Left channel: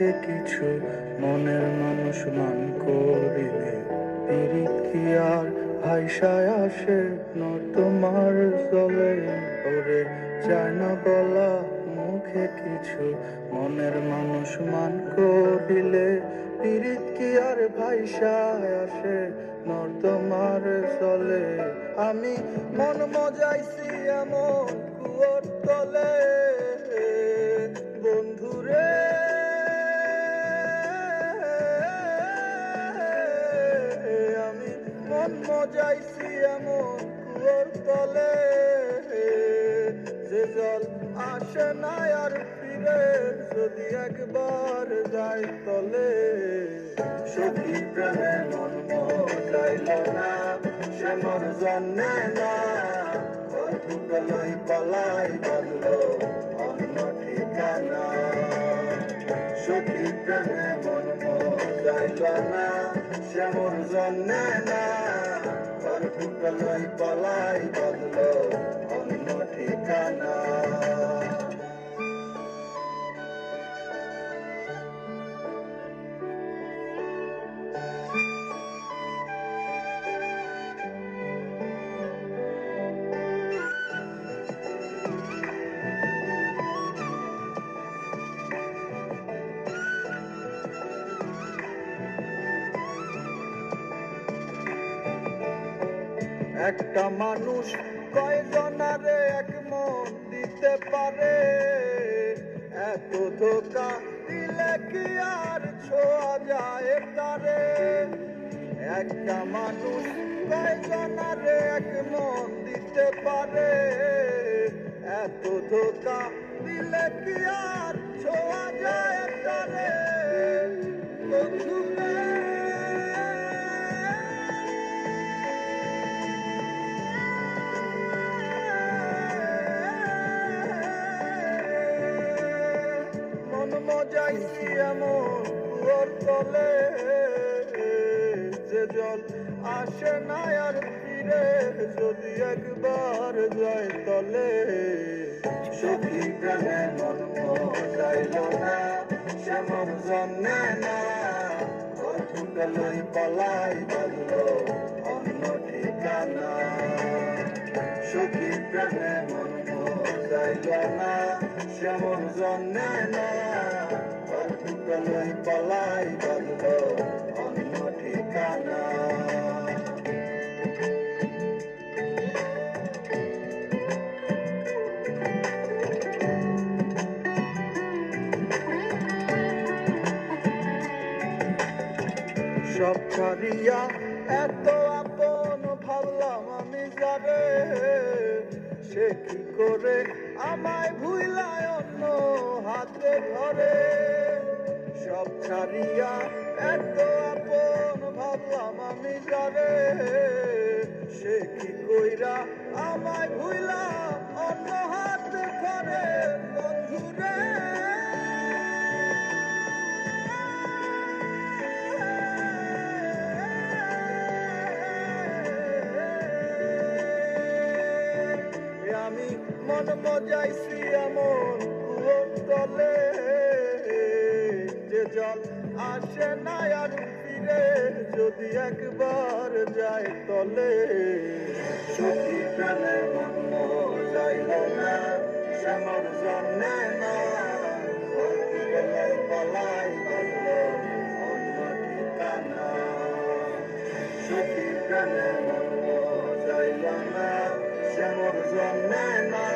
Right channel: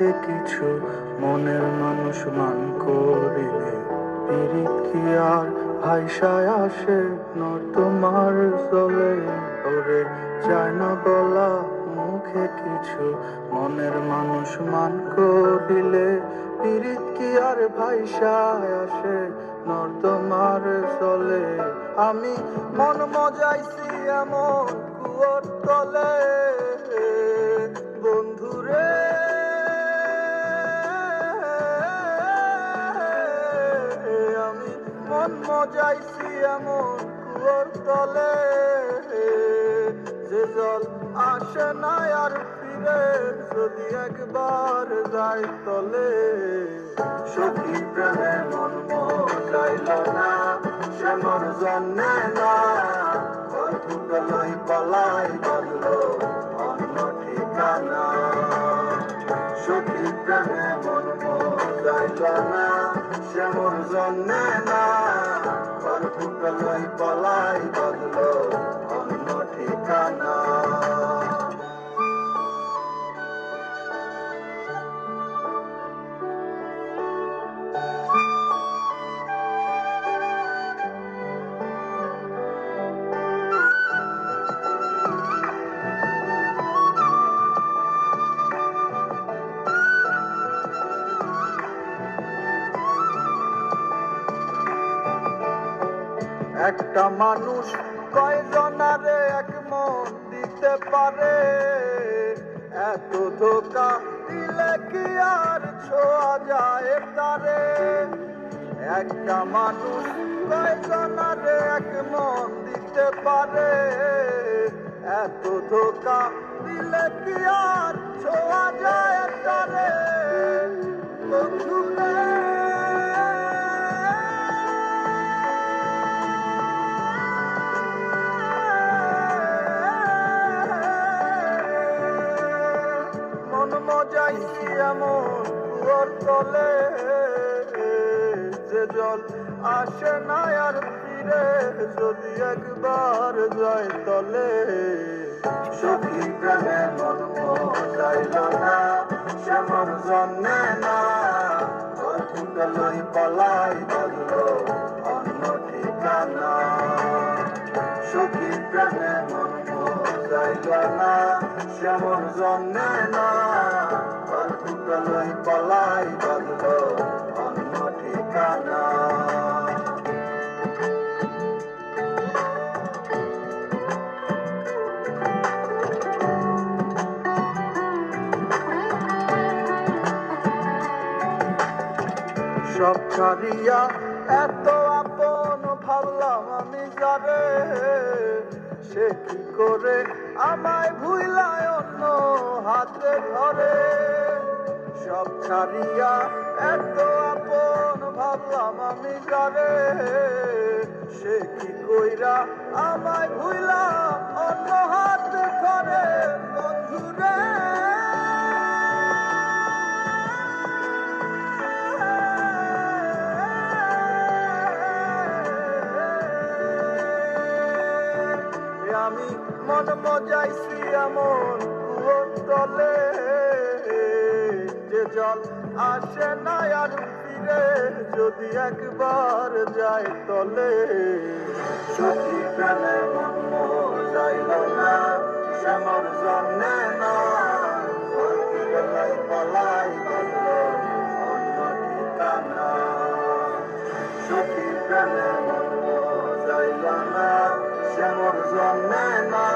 মুখে কিছু মনের মানুষ মান করিলে পিরিত কি আর ভাইসায় আসে তোমার চলে ওরে চায় না বলা মুখে কিছু মনের মানুষ মান করিলে পিরিত কি আর ভাইসায় আসে তোমার চলে আমি মন মজাইছি এমন কুয়োর তলে বন্ধুরে আমি মন মজাইছি এমন কুয়োর তলে যে জল আসে না আর ফিরে যদি একবার যায় তলে সখী প্রেমে মন মজাইল না সে মন জন্মে না লই পালাই বললো অন্য ঠিকানা সখী প্রেমে মন মজাইল না সে মন জন্মে না লই পালাই বললো অন্য ঠিকানা একটা মানুষ কয়জনারে এক মন দিতে পারে এত ধোকা দিলে কি আর ছোঁয়া যায় তারে একটা মানুষ কয়জনারে এক মন দিতে পারে এত ধোকা দিলে কি আর ছোঁয়া যায় তারে বন্ধুরে মজাইছি এমন কুয়োর তলে যে জল আসে না আর ফিরে যদি একবার যায় তলে সখী প্রেমে মন মজাইল না সে মন জন্মে না লই পালাই বললো অন্য ঠিকানা সখী প্রেমে মন মজাইল না সে মন জন্মে না লই পালাই বললো অন্য ঠিকানা সব ছাড়িয়া এত আপন ভাবলাম আমি যারে সে কি করে আমায় ভুইলায় অন্য হাতে ধরে সব ছাড়িয়া এত আপন ভাবলাম আমি যারে সে কি কইরা আমায় ভুইলা অন্য হাতে ধরে বন্ধুরে আমি মন মজাইছি এমন কুয়োর তলে যে জল আসে না আর ফিরে যদি একবার যায় তলে সখী প্রেমে মন মজাইল না সে মন জন্মে না পালাই বললো অন্য ঠিকানা সখী প্রেমে মন মজাইল না সে মন জন্মে না